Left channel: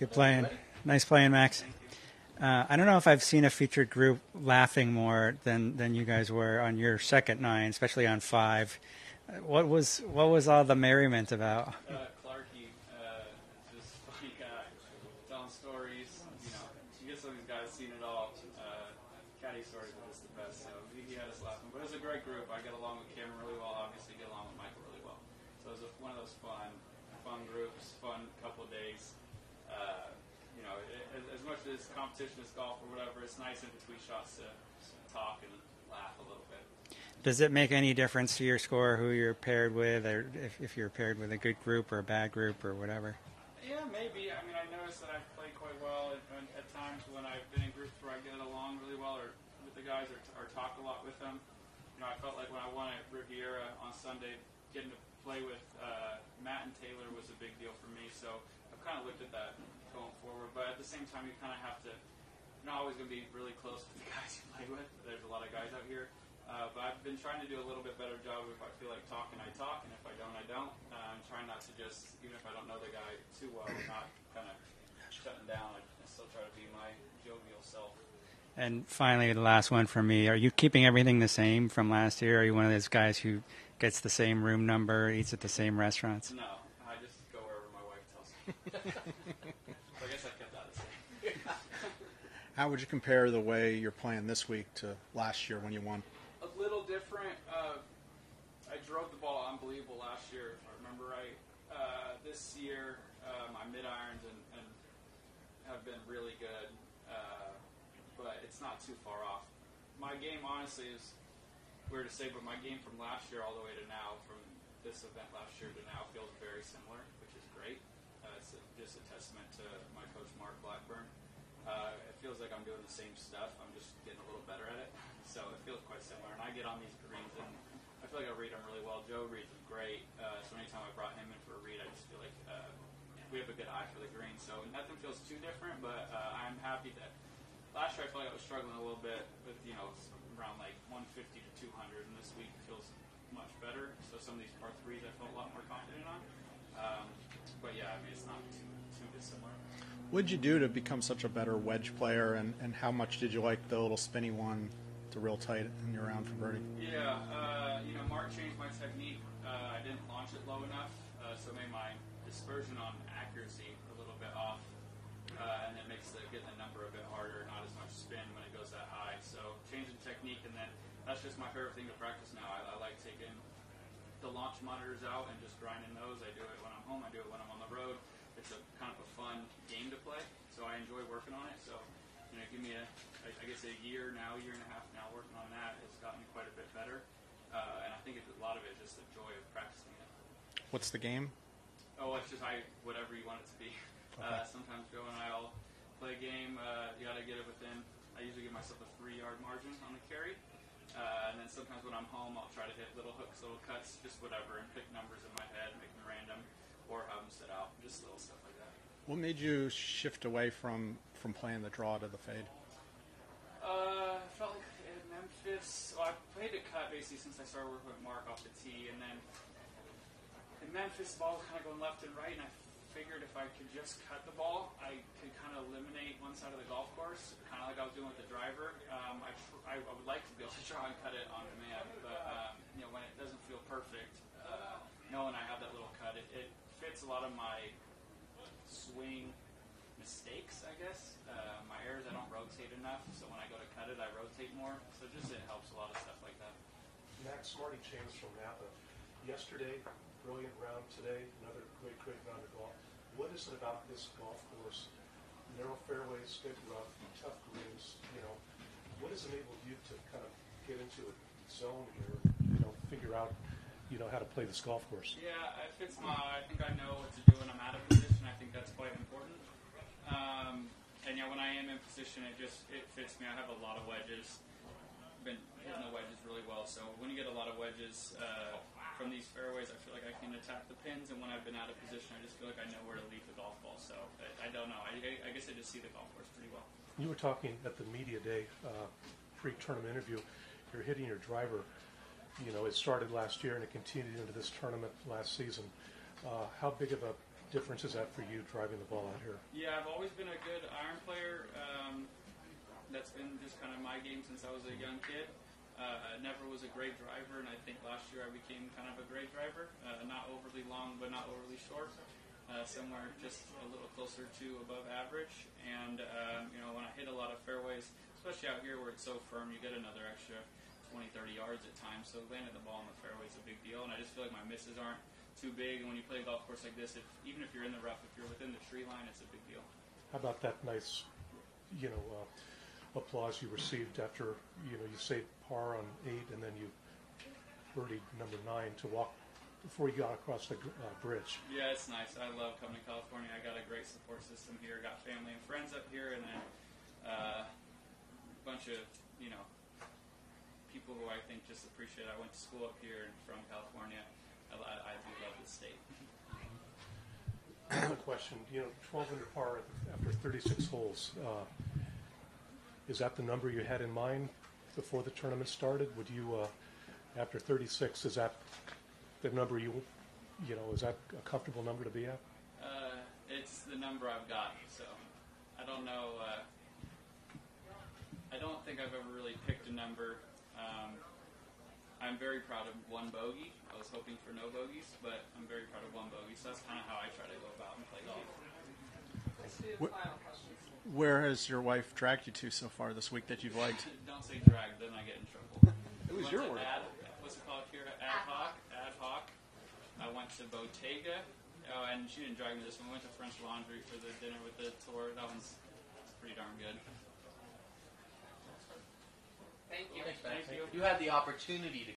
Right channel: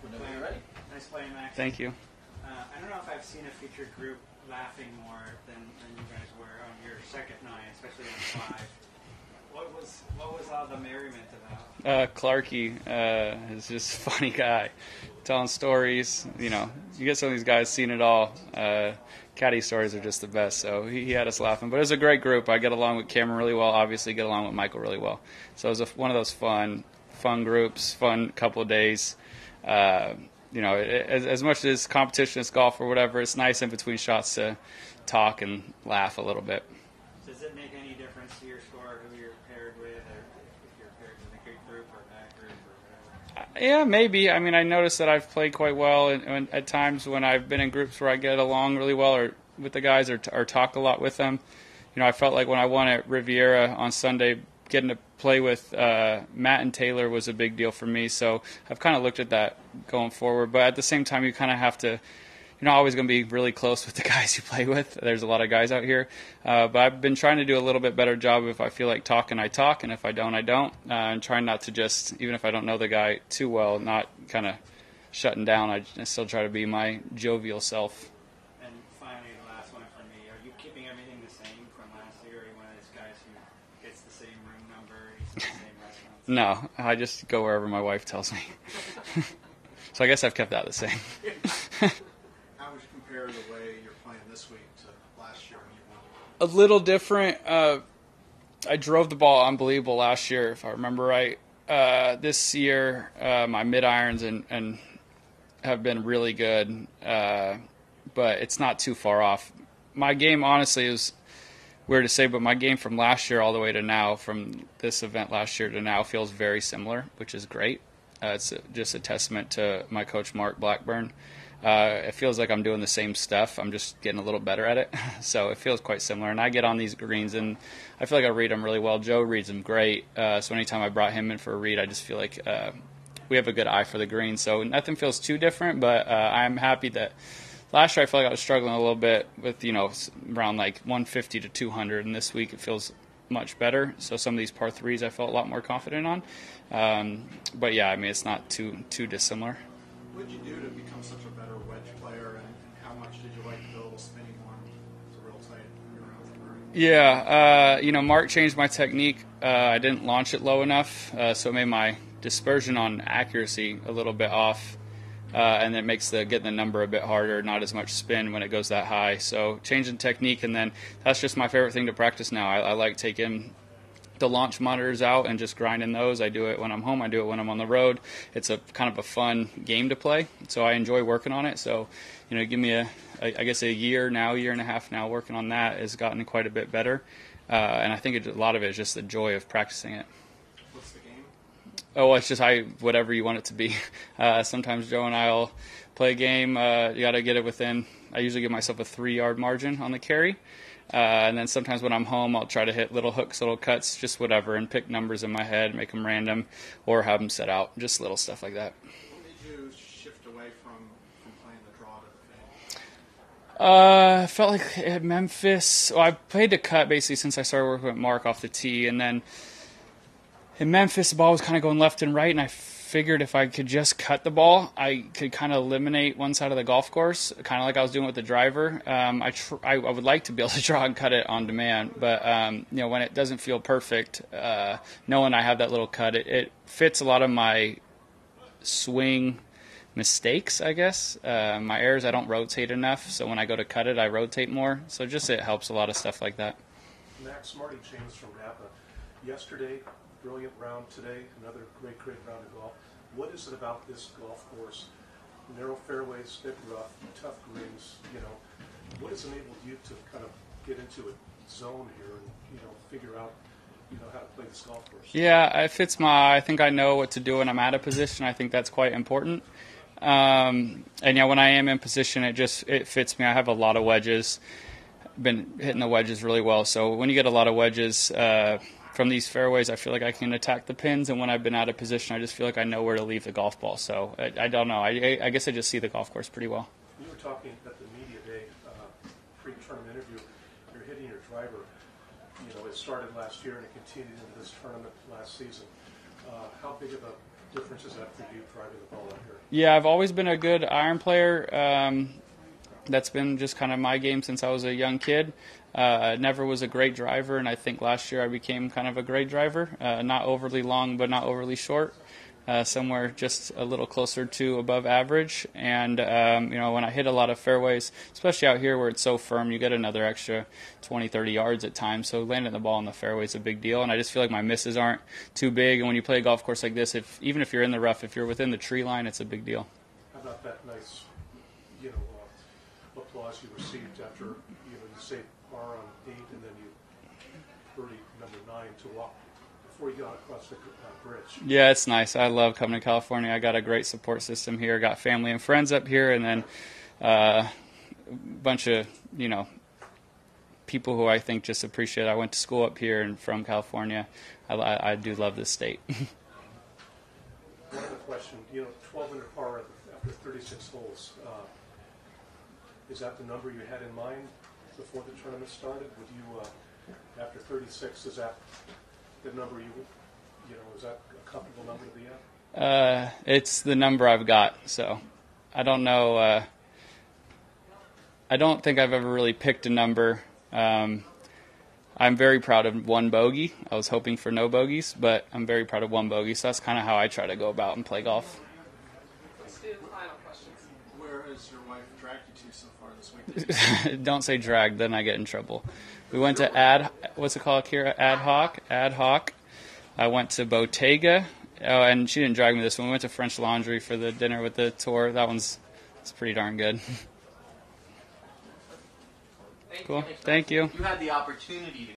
Good playing. Nice playing, Max. Thank you. I don't know if I've seen a featured group laughing more than you guys were on your second 9, especially on 5. What was all the merriment about? Clarky is just a funny guy, telling stories. You get some of these guys seeing it all. Caddy stories are just the best, so he had us laughing. But it was a great group. I get along with Cameron really well. Obviously, get along with Michael really well. So it was one of those fun groups, fun couple of days. As much as competition is golf or whatever, it's nice in between shots to talk and laugh a little bit. Does it make any difference to your score who you're paired with, or if you're paired with a good group or a bad group or whatever? Yeah, maybe. I mean, I noticed that I've played quite well, and at times when I've been in groups where I get along really well or with the guys or talk a lot with them, I felt like when I won at Riviera on Sunday, getting to play with Matt and Taylor was a big deal for me. So I've kind of looked at that going forward. But at the same time, you kind of have to, always going to be really close with the guys you play with. There's a lot of guys out here. But I've been trying to do a little bit better job. If I feel like talking, I talk. And if I don't, I don't. And trying not to just, even if I don't know the guy too well, not kind of shutting down. I still try to be my jovial self. And finally, the last one for me. Are you keeping everything the same from last year? Are you one of those guys who gets the same room number, eats at the same restaurants? No, I just go wherever my wife tells me. So I guess I've kept that the same. How would you compare the way you're playing this week to last year when you won? A little different. I drove the ball unbelievable last year, if I remember right. This year, my mid-irons and have been really good, but it's not too far off. My game, honestly, is weird to say, but my game from last year all the way to now, from this event last year to now, feels very similar, which is great. It's just a testament to my coach, Mark Blackburn. It feels like I'm doing the same stuff. I'm just getting a little better at it. So it feels quite similar. And I get on these greens, and I feel like I read them really well. Joe reads them great. So anytime I brought him in for a read, I just feel like we have a good eye for the green. So nothing feels too different, but I'm happy that last year I felt like I was struggling a little bit with, around like 150 to 200. And this week it feels much better. So some of these par threes I felt a lot more confident on. But yeah, I mean, it's not too dissimilar. What did you do to become such a better wedge player, and how much did you like the little spinny one to real tight in your round for birdie? Yeah, Mark changed my technique. I didn't launch it low enough, so it made my dispersion on accuracy a little bit off, and it makes getting the number a bit harder, not as much spin when it goes that high. So changing technique, and then that's just my favorite thing to practice now. I like taking the launch monitors out and just grinding those. I do it when I'm home. I do it when I'm on the road. It's a kind of a fun game to play, so I enjoy working on it. So, give me I guess a year and a half now working on that has gotten quite a bit better, and I think a lot of it is just the joy of practicing it. What's the game? Oh, it's just whatever you want it to be. Sometimes Joe and I'll play a game. You got to get it within. I usually give myself a 3-yard margin on the carry. And then sometimes when I'm home, I'll try to hit little hooks, little cuts, just whatever, and pick numbers in my head, make them random, or have them set out, just little stuff like that. What made you shift away from playing the draw to the fade? I felt like at Memphis, I played the cut basically since I started working with Mark off the tee, and then in Memphis, the ball was kind of going left and right, and I figured if I could just cut the ball, I could kind of eliminate one side of the golf course, kind of like I was doing with the driver. I would like to be able to draw and cut it on demand, but when it doesn't feel perfect, knowing I have that little cut, it fits a lot of my swing mistakes, I guess. My errors, I don't rotate enough, so when I go to cut it, I rotate more. So just it helps a lot of stuff like that. Max, Marty James from Napa. Yesterday, brilliant round today, another great round of golf. What is it about this golf course? Narrow fairways, bit rough, tough greens, what has enabled you to kind of get into a zone here and, figure out, how to play this golf course? Yeah, it fits I think I know what to do when I'm out of position. I think that's quite important. And when I am in position, it fits me. I have a lot of wedges. Been hitting the wedges really well. So when you get a lot of wedges, from these fairways, I feel like I can attack the pins, and when I've been out of position, I just feel like I know where to leave the golf ball. So I don't know. I guess I just see the golf course pretty well. You were talking at the media day pre-tournament interview. You're hitting your driver. It started last year and it continued into this tournament last season. How big of a difference is that for you driving the ball out here? Yeah, I've always been a good iron player. That's been just kind of my game since I was a young kid. Never was a great driver, and I think last year I became kind of a great driver. Not overly long, but not overly short. Somewhere just a little closer to above average. And, when I hit a lot of fairways, especially out here where it's so firm, you get another extra 20, 30 yards at times. So landing the ball in the fairway is a big deal. And I just feel like my misses aren't too big. And when you play a golf course like this, even if you're in the rough, if you're within the tree line, it's a big deal. How about that nice, applause you received after, you saved par on 8 and then you birdie number 9 to walk before you got across the bridge? Yeah, it's nice. I love coming to California. I got a great support system here. Got family and friends up here, and then a bunch of, people who I think just appreciate it. I went to school up here and from California. I do love this state. Another question, 12 under par after 36 holes. Is that the number you had in mind before the tournament started? Would you, after 36, is that the number is that a comfortable number to be at? It's the number I've got, so I don't know. I don't think I've ever really picked a number. I'm very proud of one bogey. I was hoping for no bogeys, but I'm very proud of one bogey, so that's kind of how I try to go about and play golf. Where has your wife dragged you to so far this week? Don't say drag, then I get in trouble. We went to what's it called here? Ad hoc. I went to Bottega, and she didn't drag me this one. We went to French Laundry for the dinner with the tour. It's pretty darn good. Cool. Thank you. You had the opportunity to